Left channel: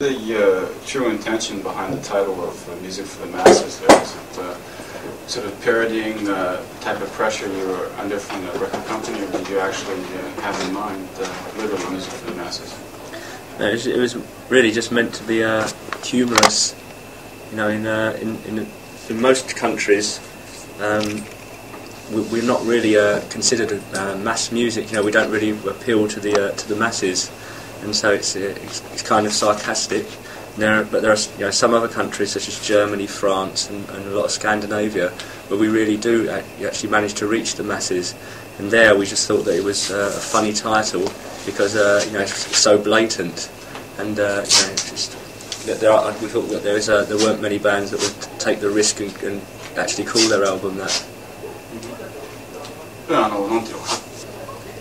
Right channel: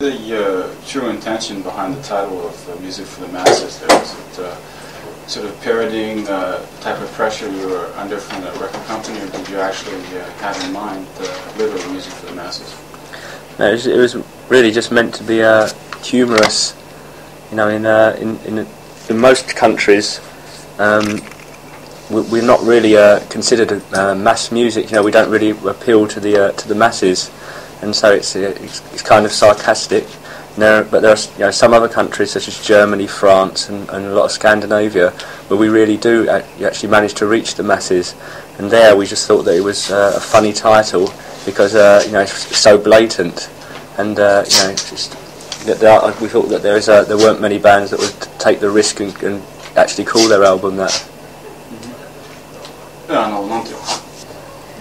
The true intention behind the title of Music for the Masses? Was it sort of parodying the type of pressure you were under from the record company, or did you actually have in mind literally music for the masses? No, it was really just meant to be humorous. You know, in most countries, we're not really considered mass music. You know, we don't really appeal to the masses, and so it's kind of sarcastic. But there are some other countries such as Germany, France, and a lot of Scandinavia where we really do actually manage to reach the masses. And there we just thought that it was a funny title because it's so blatant, and it's just that we thought that there weren't many bands that would take the risk and actually call their album that.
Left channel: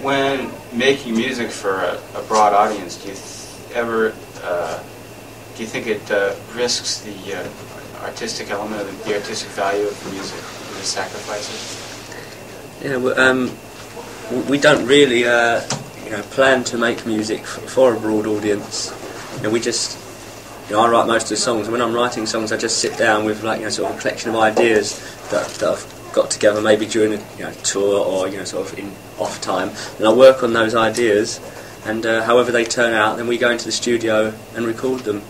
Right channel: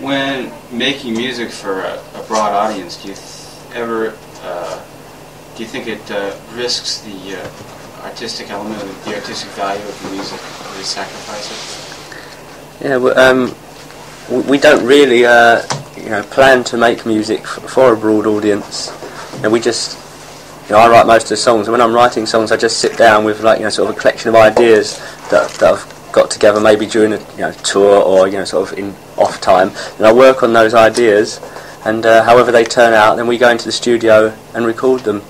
When making music for a broad audience, do you think it risks the artistic element, of the artistic value of the music, or the sacrifices? Yeah, we don't really plan to make music for a broad audience. We just, I write most of the songs, and when I'm writing songs, I just sit down with sort of a collection of ideas that I've got together maybe during a tour or sort of in off time, and I work on those ideas, and however they turn out, then we go into the studio and record them.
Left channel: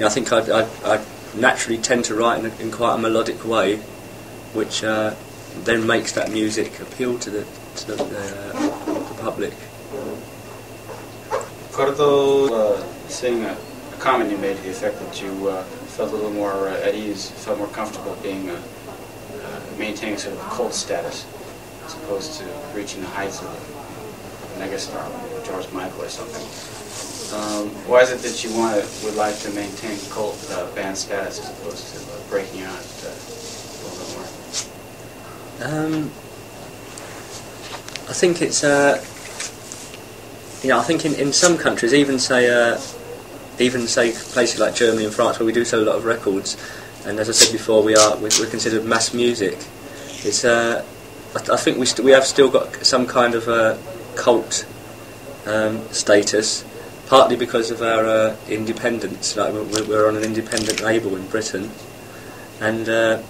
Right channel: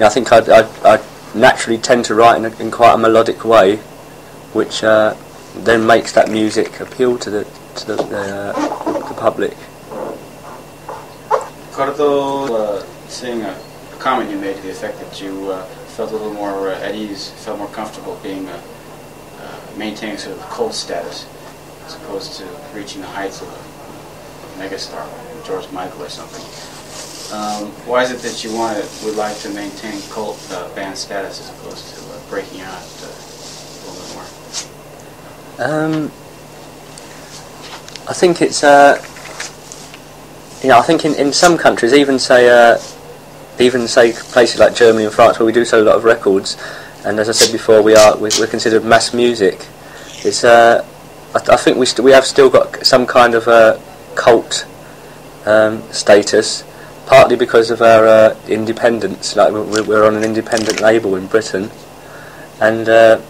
I think I naturally tend to write in quite a melodic way, which then makes that music appeal to the public. Cordo, saying a comment you made to the effect that you felt a little more at ease, felt more comfortable being maintaining sort of cult status as opposed to reaching the heights of a megastar like George Michael or something. Why is it that you would like to maintain cult band status as opposed to breaking out a little more? I think it's I think in some countries, even say places like Germany and France, where we do sell a lot of records, and as I said before, we're considered mass music. It's I think we have still got some kind of cult status, partly because of our independence. Like we're on an independent label in Britain, and I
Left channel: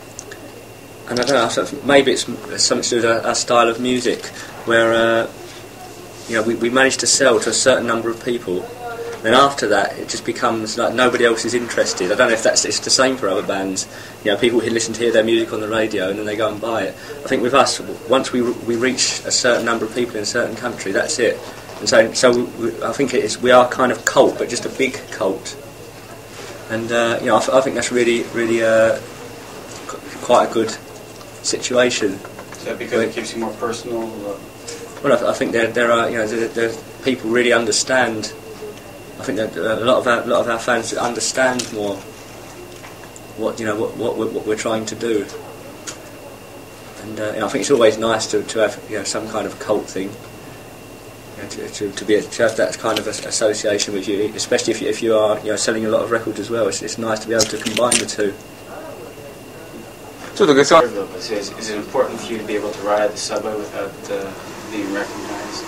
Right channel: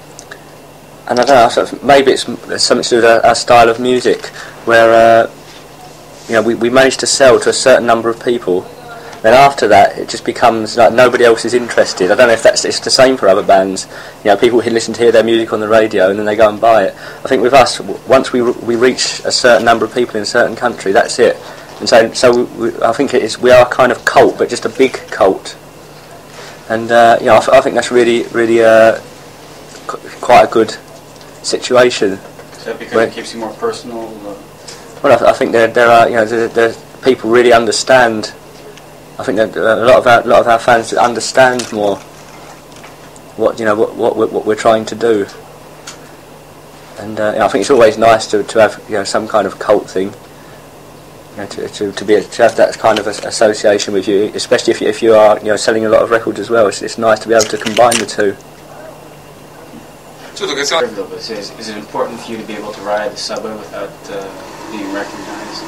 don't know. Sort of, maybe it's something to do with our style of music, where we manage to sell to a certain number of people. Then after that, it just becomes like nobody else is interested. I don't know if it's the same for other bands. People who listen to hear their music on the radio and then they go and buy it. I think with us, once we reach a certain number of people in a certain country, that's it. And so I think we are kind of cult, but just a big cult. And I think that's really quite a good situation. Is that because it keeps you more personal? Well, I think there are people really understand. I think that a lot of our fans understand more what we're trying to do, and I think it's always nice to have some kind of cult thing, to have that kind of association with you, especially if you are selling a lot of records as well. It's nice to be able to combine the two. Is it important for you to be able to ride the subway without being recognised?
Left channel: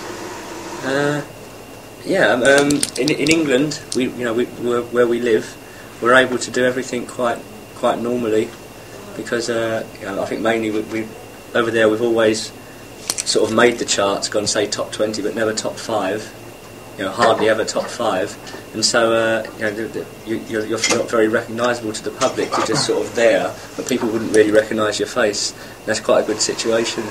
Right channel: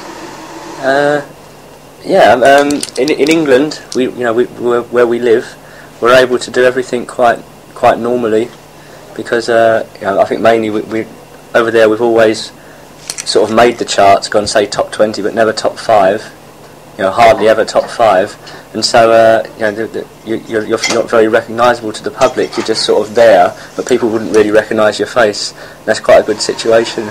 In England, where we live, we're able to do everything quite normally, because I think mainly we over there we've always sort of made the charts, gone say top 20, but never top 5. Hardly ever top 5, and so you're not very recognisable to the public. You're just sort of there, but people wouldn't really recognise your face. That's quite a good situation.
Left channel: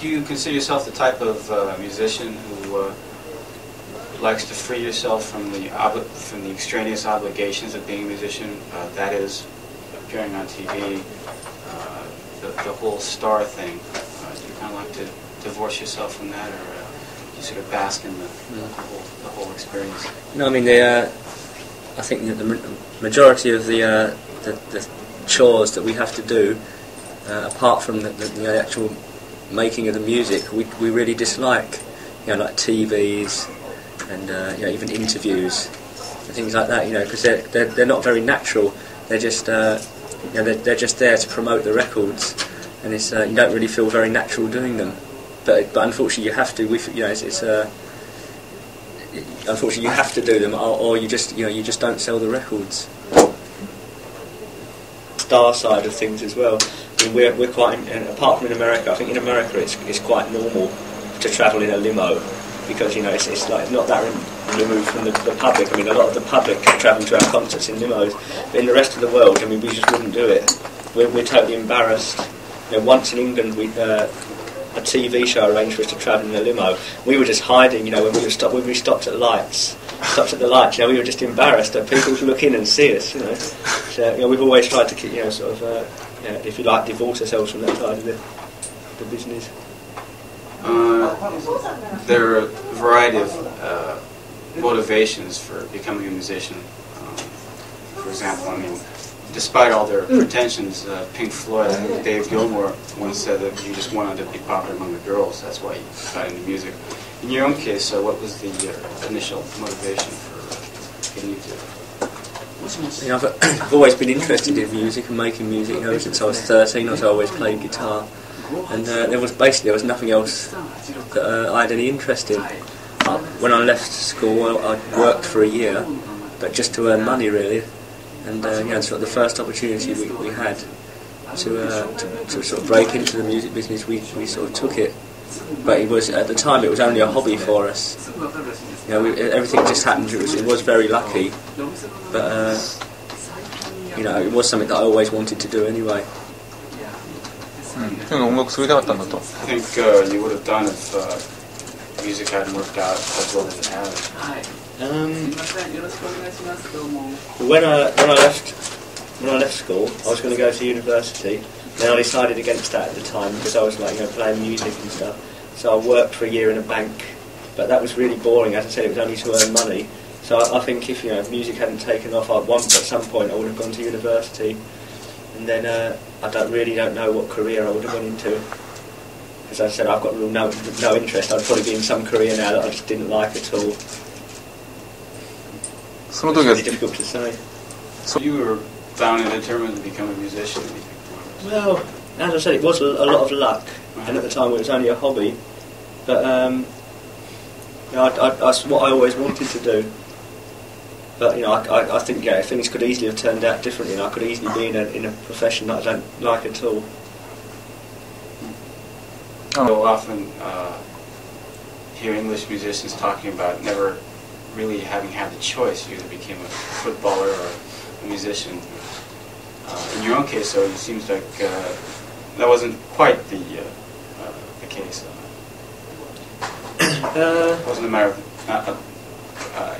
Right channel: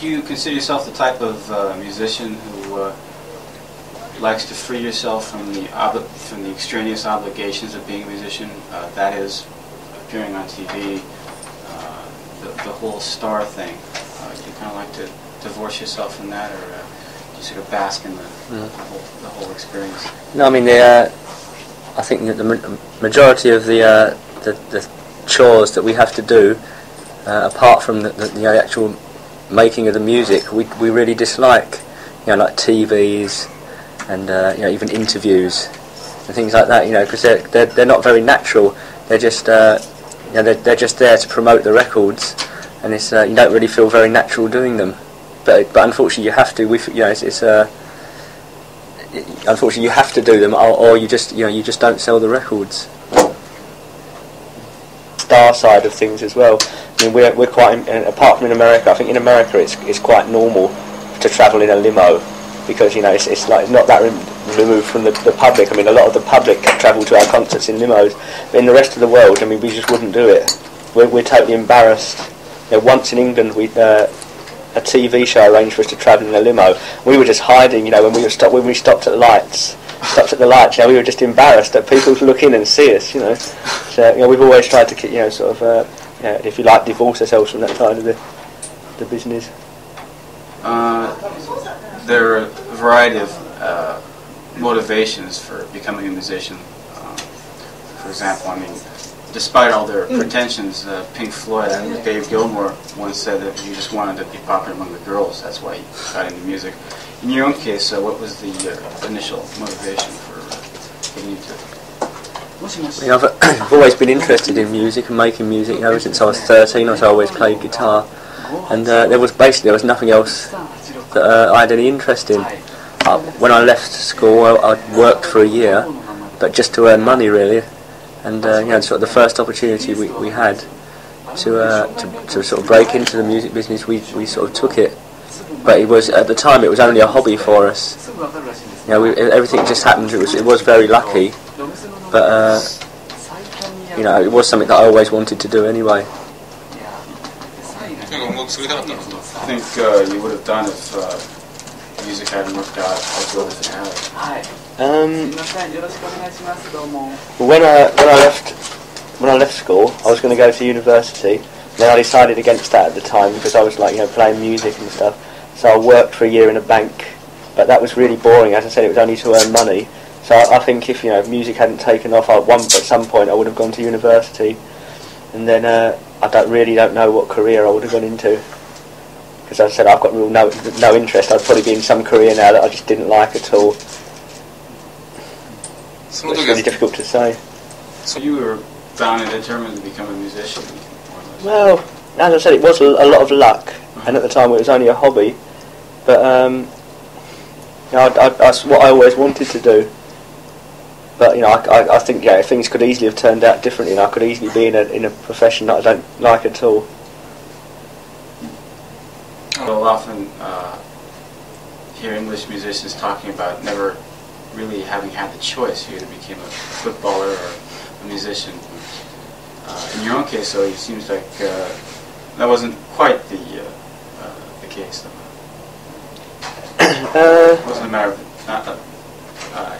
Do you consider yourself the type of musician who likes to free yourself from the extraneous obligations of being a musician? That is, appearing on TV, the whole star thing. Do you kind of like to divorce yourself from that, or do you sort of bask in the whole experience? No, I mean I think that the majority of the chores that we have to do, apart from the actual making of the music, we really dislike, like TVs and even interviews and things like that, because they're not very natural. They're just they're just there to promote the records, and it's you don't really feel very natural doing them. But unfortunately you have to. unfortunately you have to do them, or you just don't sell the records. Star side of things as well. I mean, we're quite apart from in America. I think in America it's quite normal to travel in a limo because it's like not that removed from the public. I mean, a lot of the public travel to our concerts in limos, but in the rest of the world, I mean, we just wouldn't do it. We're totally embarrassed. Once in England, a TV show arranged for us to travel in a limo. We were just hiding, when we stopped at the lights. We were just embarrassed that people would look in and see us, So, we've always tried to keep, if you like, divorce ourselves from that side of the business. There are a variety of motivations for becoming a musician. For example, I mean, despite all their pretensions, Pink Floyd, I think Dave Gilmour once said that he just wanted to be popular among the girls. That's why he got into music. In your own case, what was the initial motivation for getting into it? I've always been interested in music and making music. Since I was 13, I always played guitar, and there was nothing else that I had any interest in. When I left school, I worked for a year, but just to earn money really. And sort of the first opportunity we had to sort of break into the music business, we sort of took it. But at the time it was only a hobby for us. Everything just happened. It was very lucky, but it was something that I always wanted to do anyway. I think you would have done if music hadn't worked out as well as it has. When I left school, I was going to go to university. Then I decided against that at the time because I was playing music and stuff. So I worked for a year in a bank, but that was really boring. As I said, it was only to earn money. So I think if music hadn't taken off, at some point I would have gone to university, and then I don't know what career I would have gone into. Because as I said, I've got no interest. I'd probably be in some career now that I just didn't like at all. It's really difficult to say. So you were bound and determined to become a musician? Well, as I said, it was a lot of luck, and at the time it was only a hobby. But that's what I always wanted to do. But I think things could easily have turned out differently, and I could easily be in a profession that I don't like at all. So often hear English musicians talking about never really having had the choice. You either became a footballer or a musician. In your own case, though, it seems like that wasn't quite the case. It wasn't a matter of not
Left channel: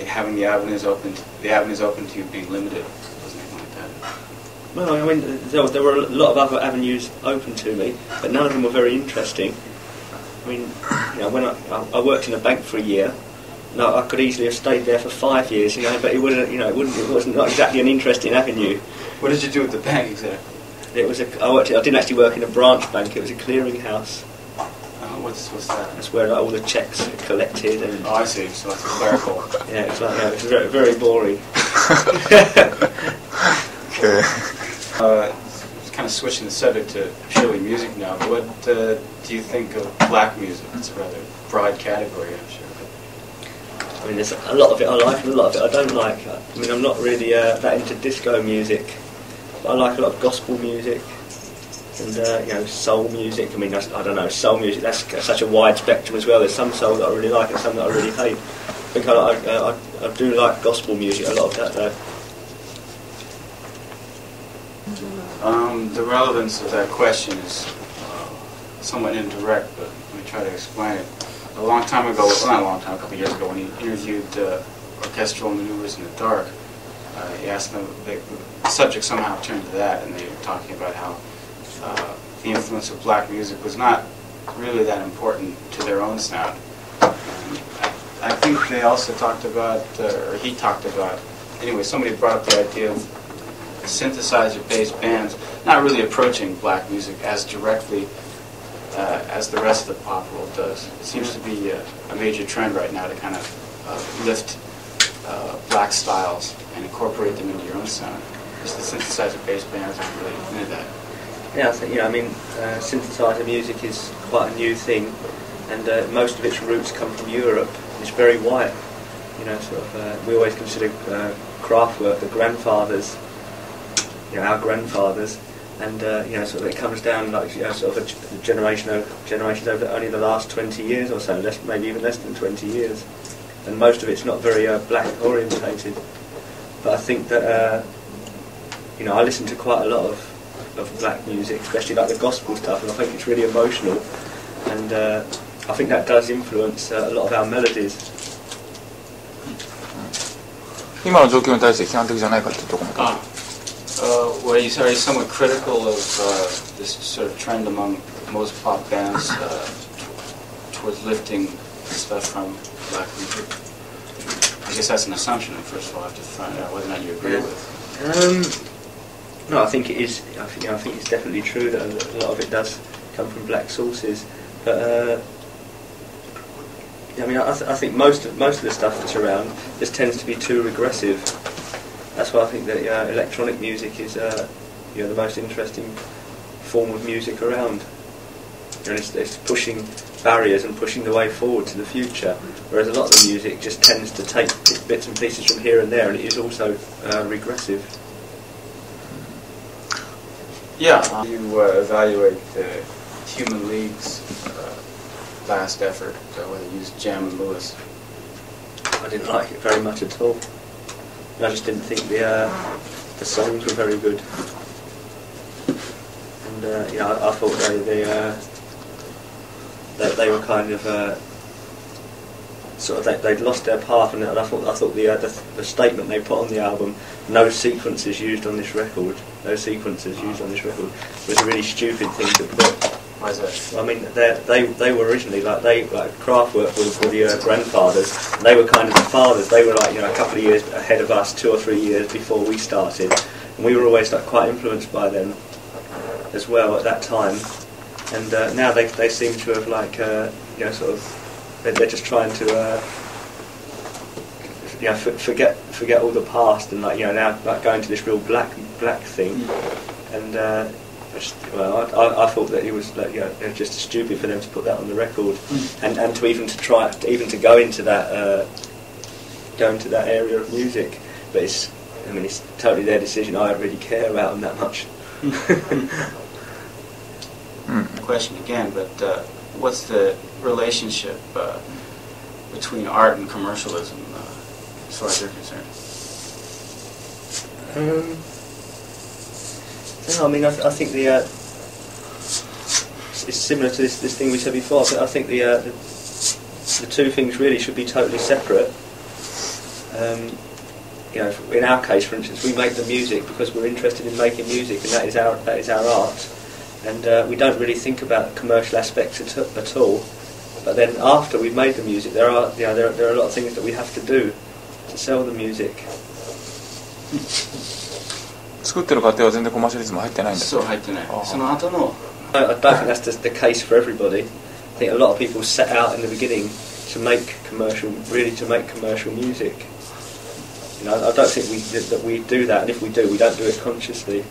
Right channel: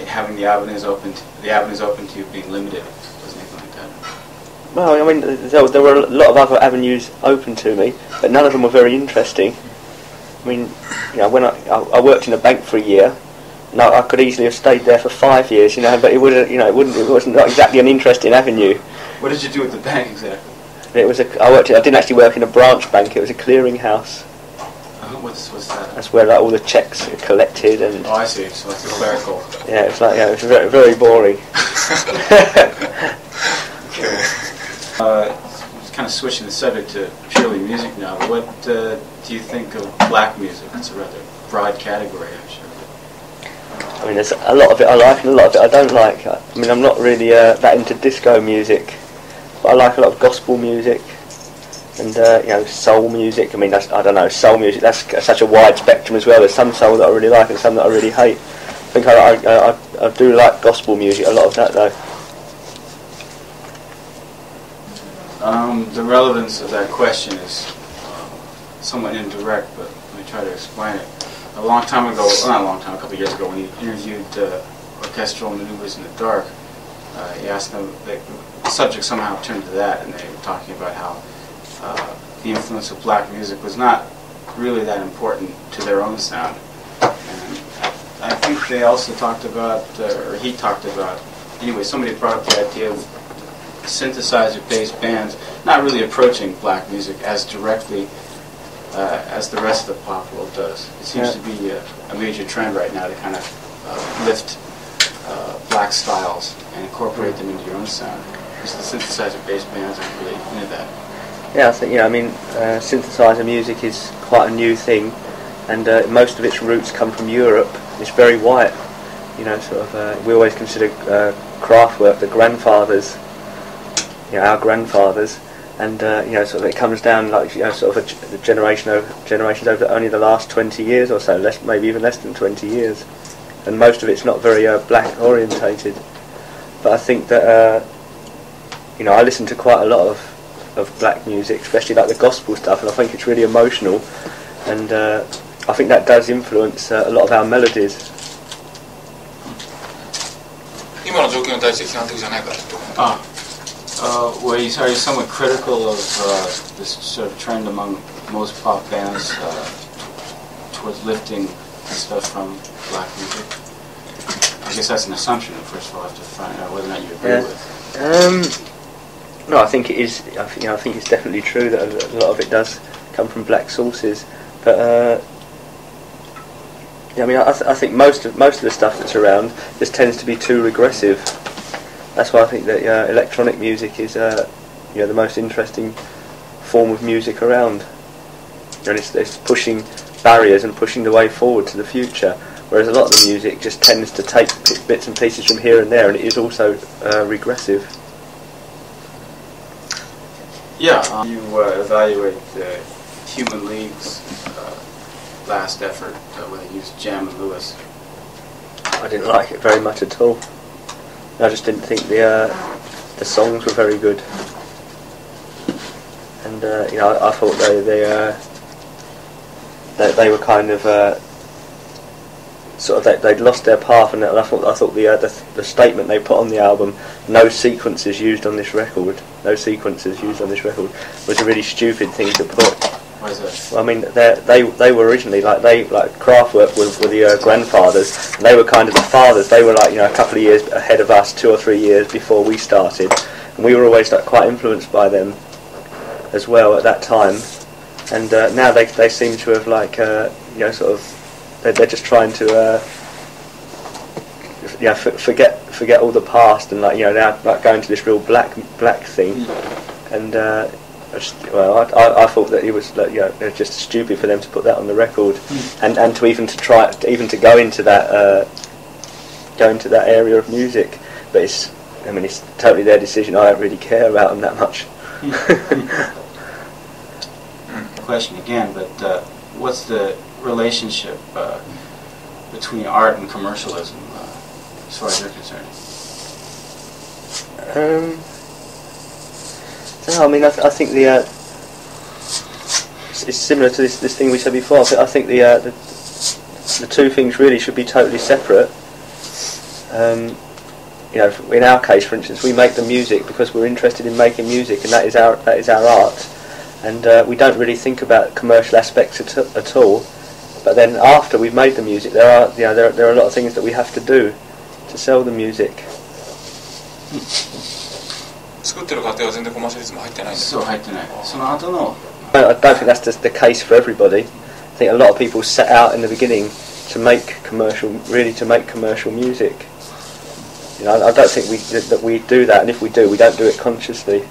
having the avenues open to you being limited. Wasn't anything like that. Well, I mean, there were a lot of other avenues open to me, but none of them were very interesting. I mean, when I worked in a bank for a year, and I could easily have stayed there for 5 years, but it wouldn't, it wasn't not exactly an interesting avenue. What did you do at the bank exactly? I didn't actually work in a branch bank. It was a clearing house. What's that? That's where all the checks are collected and. Oh, I see. So it's clerical. Yeah, it was very, very boring. Okay. Kind of switching the subject to purely music now. What do you think of black music? It's a rather broad category, actually. I mean, there's a lot of it I like and a lot of it I don't like. I mean, I'm not really that into disco music, but I like a lot of gospel music and soul music. I mean, I don't know, soul music. That's such a wide spectrum as well. There's some soul that I really like and some that I really hate. I think I do like gospel music. A lot of that though. The relevance of that question is somewhat indirect, but let me try to explain it. A long time ago, not a long time, a couple of years ago, when he interviewed Orchestral Maneuvers in the Dark, he asked them, the subject somehow turned to that, and they were talking about how the influence of black music was not really that important to their own sound. And I think they also talked about, or he talked about, anyway, somebody brought up the idea of synthesizer-based bands not really approaching black music as directly as the rest of the pop world does. It seems to be a major trend right now to kind of lift black styles and incorporate them into your own sound. Because the synthesizer-based bands are really into that. Yeah, I think, synthesizer music is quite a new thing, and most of its roots come from Europe. It's very white. we always consider Kraftwerk the grandfathers, our grandfathers, and it comes down generations over only the last 20 years or so, maybe even less than 20 years, and most of it's not very black orientated. But I think that I listen to quite a lot of black music, especially like the gospel stuff, and I think it's really emotional, and I think that does influence a lot of our melodies. 今の状況に対して批判的じゃないかってところも。Where you are somewhat critical of this sort of trend among most pop bands towards lifting stuff from black music. I guess that's an assumption. First of all, I have to find out whether or not you agree with it. No, I think it is. I think it's definitely true that a lot of it does come from black sources. But I think most of the stuff that's around just tends to be too regressive. That's why I think that electronic music is the most interesting form of music around. And it's pushing barriers and pushing the way forward to the future. Whereas a lot of the music just tends to take bits and pieces from here and there, and it is also regressive. Yeah, you evaluate Human League's last effort when they used Jam and Lewis. I didn't like it very much at all. I just didn't think the songs were very good, and I thought they were kind of they'd lost their path, and I thought the statement they put on the album, no sequences used on this record, was a really stupid thing to put. Why is that? Well, I mean, they were originally like Kraftwerk were the grandfathers, and they were kind of the fathers. They were a couple of years ahead of us, 2 or 3 years before we started, and we were always quite influenced by them as well at that time. And now they seem to have they're just trying to forget all the past and now going to this real black thing, and. I thought that it was just stupid for them to put that on the record, and to even to go into that area of music. But it's totally their decision. I don't really care about them that much. Question again, but what's the relationship between art and commercialism, as far as you're concerned? No, I think it's similar to this thing we said before. I think the two things really should be totally separate. In our case, for instance, we make the music because we're interested in making music, and that is our art. And we don't really think about commercial aspects at all. But then after we've made the music, there are a lot of things that we have to do to sell the music. 作ってる過程は全然コマーシャリズム入ってないんだ。そう入ってない。その後の。I don't think that's the case for everybody. I think a lot of people set out in the beginning to make commercial music. I don't think that we do that, and if we do, we don't do it consciously.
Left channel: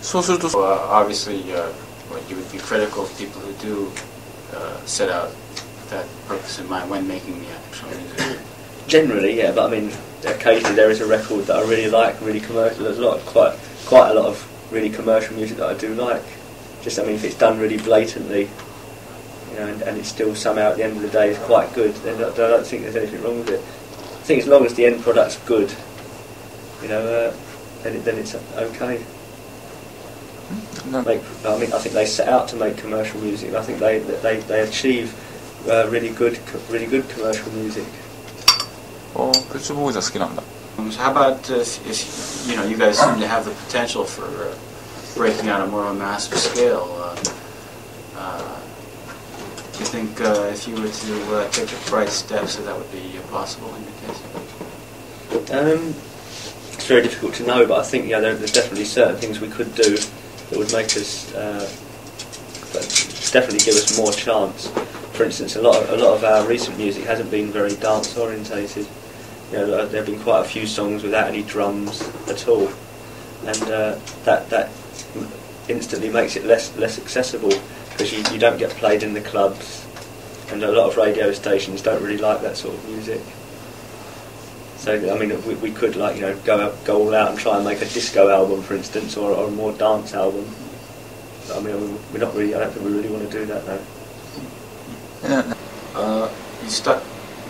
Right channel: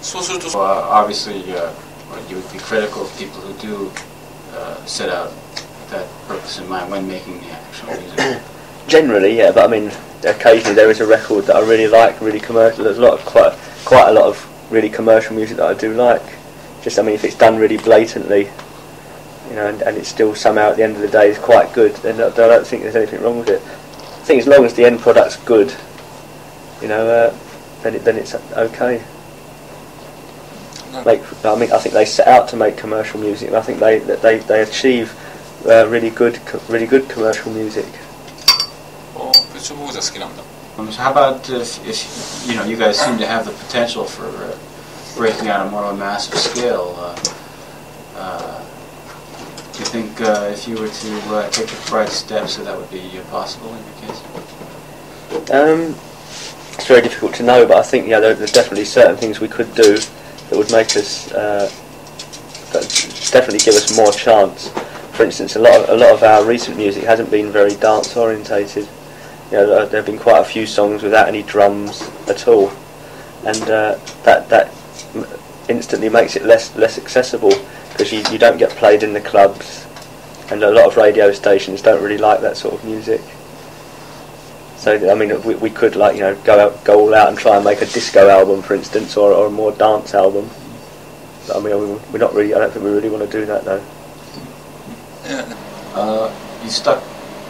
そうすると、obviously, you would be critical of people who do set out with that purpose in mind when making the actual music. Generally, yeah, but occasionally there is a record that I really like, really commercial. There's quite a lot of really commercial music that I do like. Just, if it's done really blatantly, and it's still somehow at the end of the day is quite good, then I don't think there's anything wrong with it. I think as long as the end product's good, then it's okay. No. I think they set out to make commercial music, and I think they achieve really good commercial music. How about if you guys seem to have the potential for breaking out more on a massive scale? Do you think if you were to take the right steps, that would be possible in your case? It's very difficult to know, but I think there's definitely certain things we could do that would make us definitely give us more chance. For instance, a lot of our recent music hasn't been very dance orientated. There have been quite a few songs without any drums at all, and that instantly makes it less accessible, because you don't get played in the clubs, and a lot of radio stations don't really like that sort of music. So I mean, we could like go all out and try and make a disco album, for instance, or a more dance album. But, I mean, we're not really. I don't think we really want to do that though. You stuck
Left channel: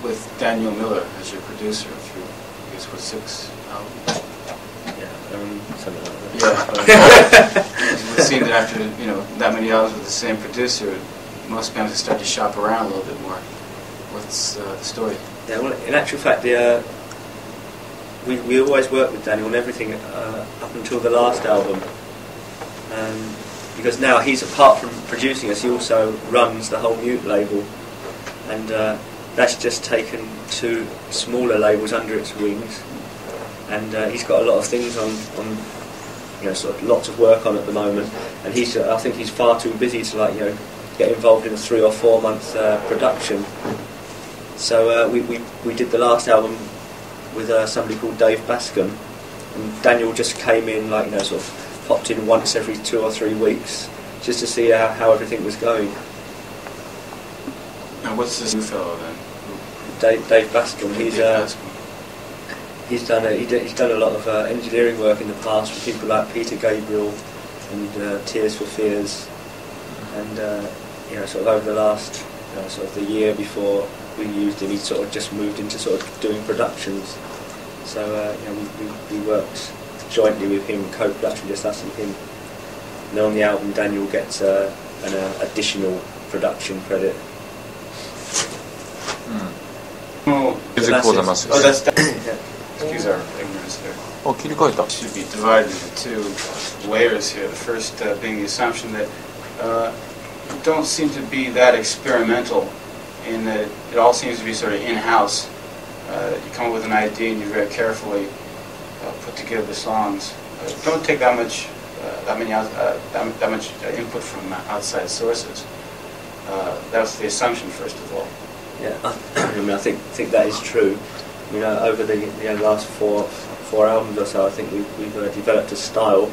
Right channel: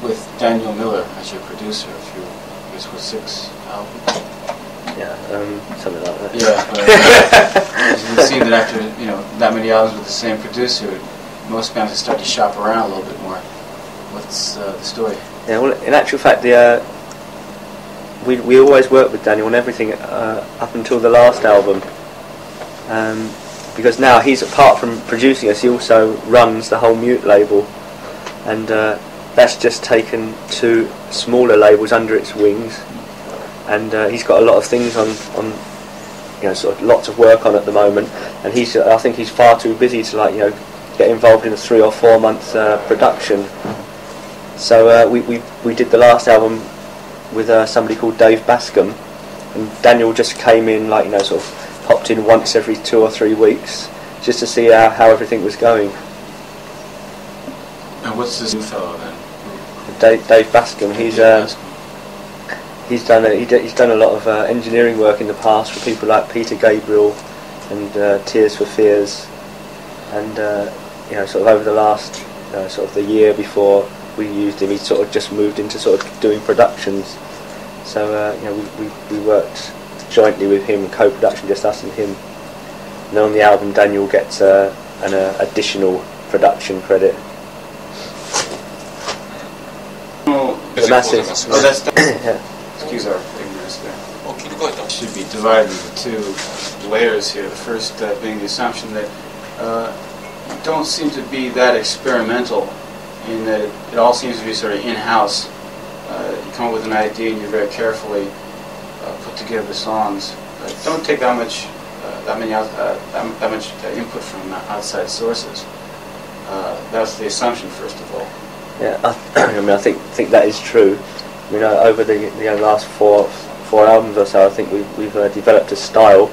with Daniel Miller as your producer. I guess with 6 albums. Yeah, something like that. Yeah. It would seem that after that many albums with the same producer, most bands start to shop around a little bit more. What's the story? Yeah, well, in actual fact, we always worked with Daniel on everything up until the last album, because now he's, apart from producing us, he also runs the whole Mute label, and that's just taken 2 smaller labels under its wings, and he's got a lot of things on sort of lots of work on at the moment, and I think he's far too busy to get involved in a 3 or 4 month production. So we did the last album with somebody called Dave Bascom, and Daniel just came in sort of popped in once every 2 or 3 weeks just to see how everything was going. And what's this new fellow then? Dave Bascom. He's done a lot of engineering work in the past for people like Peter Gabriel and Tears for Fears, and sort of over the last sort of the year before we used him, he sort of just moved into sort of doing productions. So we worked jointly with him, co-production, just us and him. And then on the album, Daniel gets an additional production credit. Excuse our ignorance there. It should be divided into 2 layers here. The first being the assumption that you don't seem to be that experimental, in that it all seems to be sort of in-house. You come up with an idea and you very carefully put together the songs. Don't take that much input from outside sources. That's the assumption, first of all. Yeah, I think that is true. Over the last four albums or so, I think we've developed a style,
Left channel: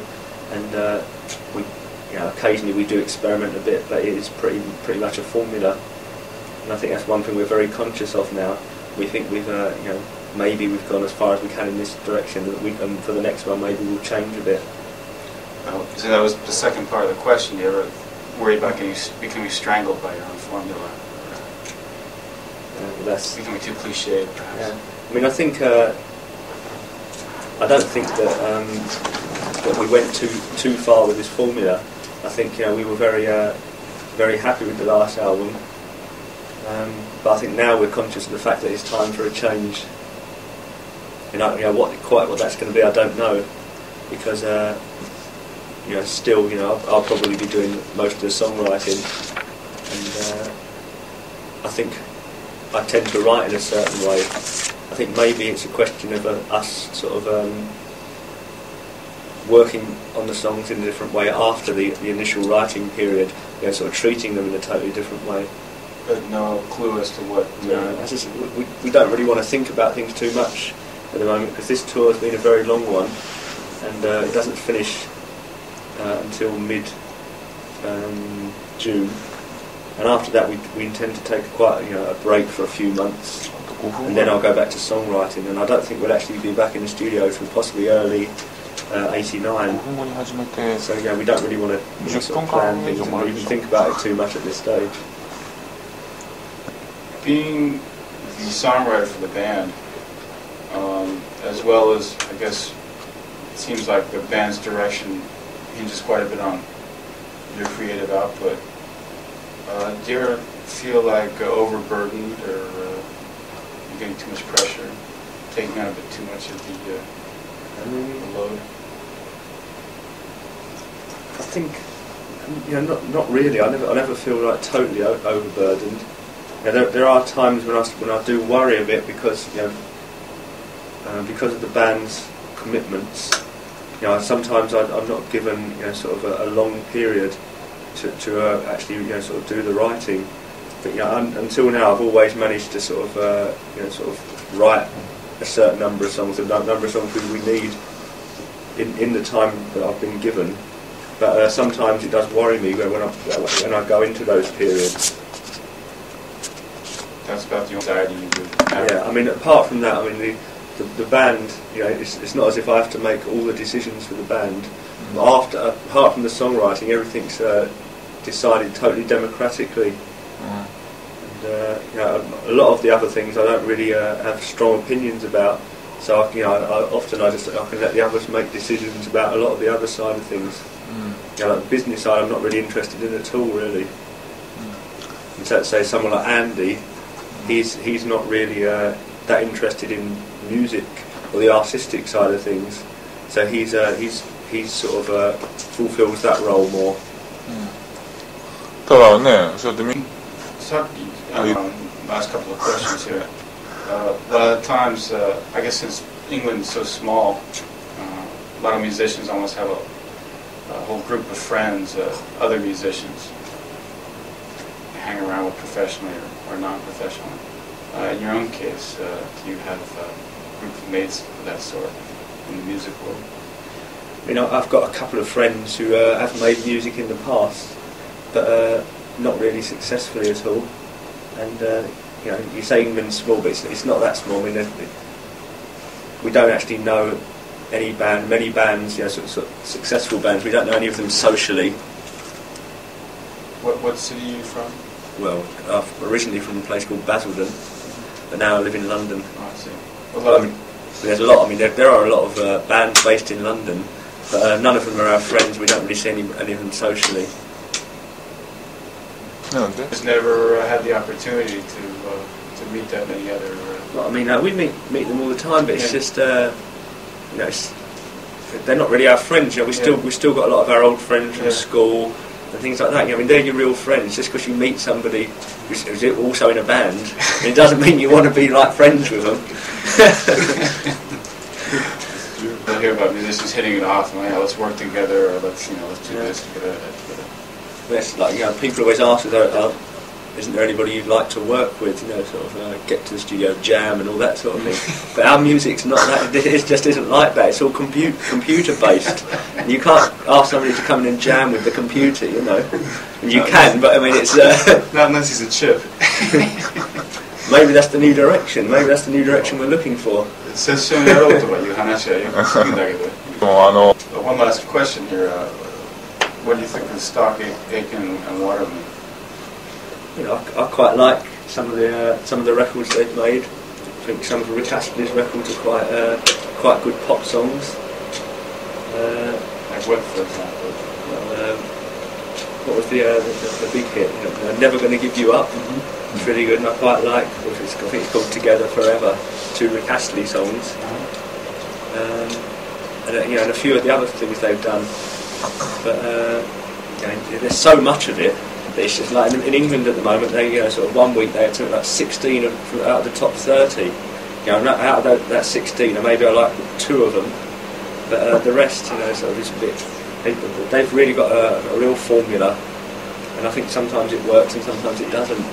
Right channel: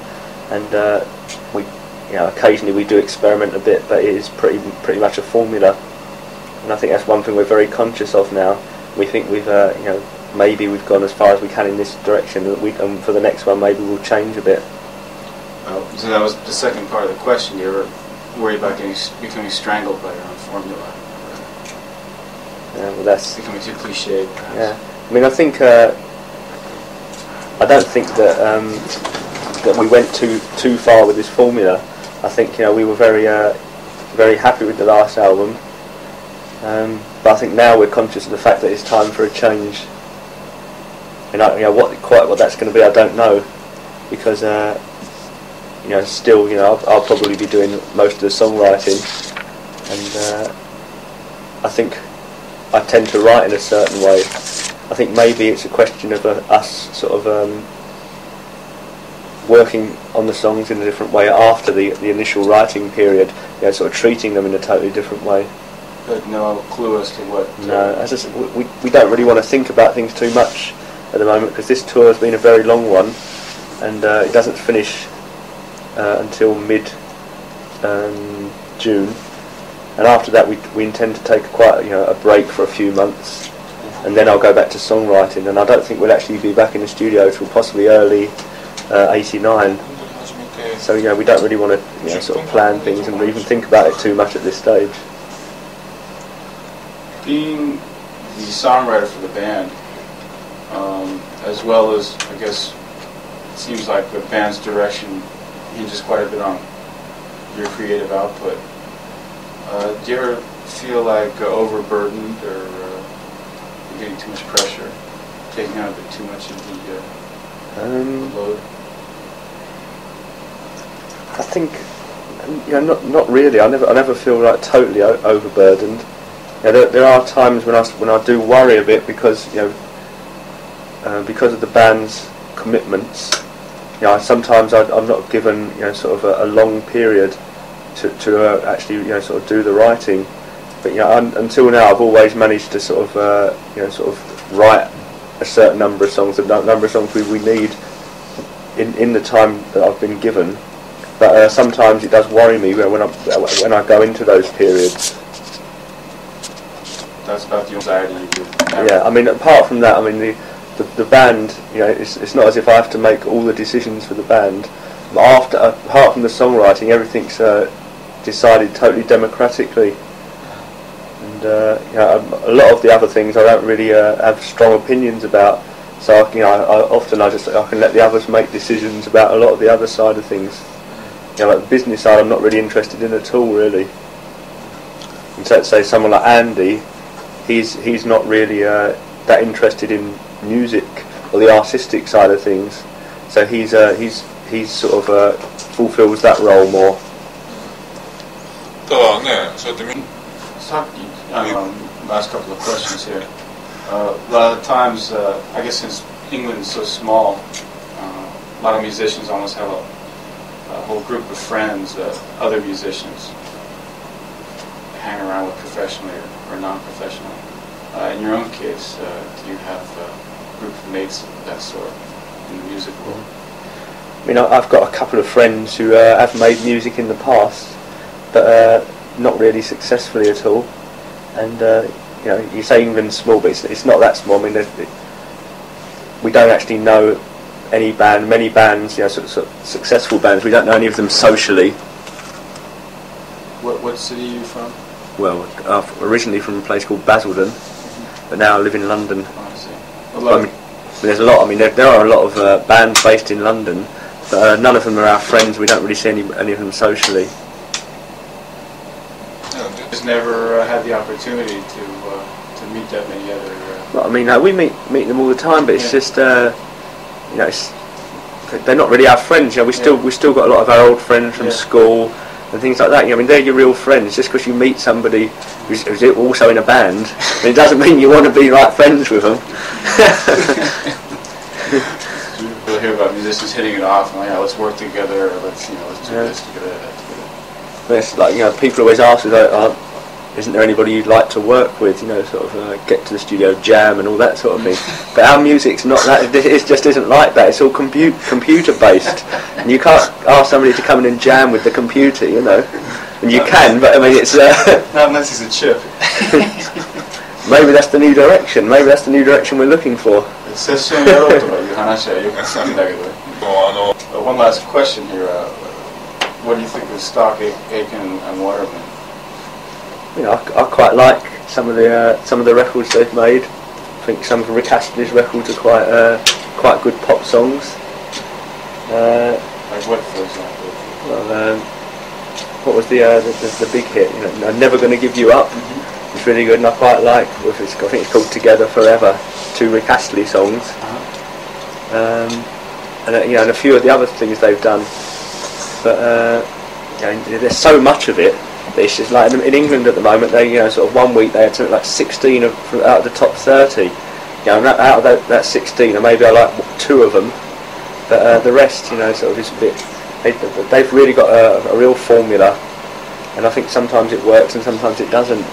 and we occasionally we do experiment a bit, but it is pretty much a formula. And I think that's one thing we're very conscious of now. We think we've maybe we've gone as far as we can in this direction, that for the next one maybe we'll change a bit. Well, so that was the second part of the question. You were worried about becoming strangled by your own formula. Yeah, well, that's becoming too cliched. Yeah, I mean, I think I don't think that that we went too far with this formula. I think we were very happy with the last album, but I think now we're conscious of the fact that it's time for a change. What that's going to be, I don't know, because still I'll probably be doing most of the songwriting, and I think I tend to write in a certain way. I think maybe it's a question of us sort of working on the songs in a different way after the initial writing period, sort of treating them in a totally different way. But no clue as to what... No, as I said, we don't really want to think about things too much at the moment, because this tour has been a very long one, and it doesn't finish until mid-June. And after that, we intend to take a break for a few months, and then I'll go back to songwriting. And I don't think we'll actually be back in the studio till possibly early '89. So we don't really want to sort of plan things and even think about it too much at this stage. Being the songwriter for the band, as well as, I guess, it seems like the band's direction hinges quite a bit on your creative output. Do you ever feel like overburdened or getting too much pressure, taking on a bit too much of the load? I think not really. I never feel like totally overburdened. There are times when I do worry a bit because because of the band's commitments. Sometimes I'm not given sort of a long period to actually sort of do the writing, but until now I've always managed to sort of write a certain number of songs, the number of songs we need in the time that I've been given. But sometimes it does worry me when I go into those periods. it's about the anxiety you do. Yeah, I mean, apart from that, I mean, the band, you know, it's not as if I have to make all the decisions for the band. But apart from the songwriting, everything's decided totally democratically. And you know, a lot of the other things I don't really have strong opinions about. So you know, I can let the others make decisions about a lot of the other side of things. You know, like the business side, I'm not really interested in at all, really. And so, say someone like Andy, he's not really that interested in music or the artistic side of things. So he's sort of fulfills that role more. ただね、そうやってみ last couple of questions here. A lot of times, I guess since England's so small, a lot of musicians almost have a whole group of friends, other musicians, hang around with professionally or non-professional. In your own case, do you have a group of mates of that sort in the music world? I mean, I've got a couple of friends who have made music in the past, but not really successfully at all. And you know, you say England's small, but it's not that small. I mean, we don't actually know many bands, you know, sort of successful bands. We don't know any of them socially. What city are you from? Well, originally from a place called Basildon, but now I live in London. Oh, I see. I mean, there's a lot. I mean, there are a lot of bands based in London, but none of them are our friends. We don't really see any of them socially. No, just never had the opportunity to meet that many other. Well, I mean, we meet them all the time, but it's just you know, they're not really our friends. You know, we still got a lot of our old friends from school and things like that. You know, I mean, they're your real friends. Just because you meet somebody who's also in a band, I mean, it doesn't mean you want to be like friends with them. I hear about musicians hitting it off, and let's work together, or let's do this together. It's like, you know, people always ask, isn't there anybody you'd like to work with? You know, sort of get to the studio, jam, and all that sort of thing. But our music's not that. It just isn't like that. It's all computer based, and you can't ask somebody to come in and jam with the computer, you know. And you can, but I mean, it's not unless he's a chip. Maybe that's the new direction. Maybe that's the new direction we're looking for. One last question here. What do you think of Stock, Aitken and Waterman? You know, I quite like some of the records they've made. I think some of Rick Astley's records are quite good pop songs. Like what, for example? Well, what was the big hit? You know, Never Gonna Give You Up. Mm-hmm. It's really good, and I quite like. I think it's called Together Forever. 2 Rick Astley songs. And you know, and a few of the other things they've done. But you know, there's so much of it that it's just like in England at the moment. They, you know, sort of one week they had something like 16 out of the top 30. You know, out of that 16, maybe I like 2 of them, but the rest, you know, sort of is a bit. They've really got a real formula, and I think sometimes it works and sometimes it doesn't.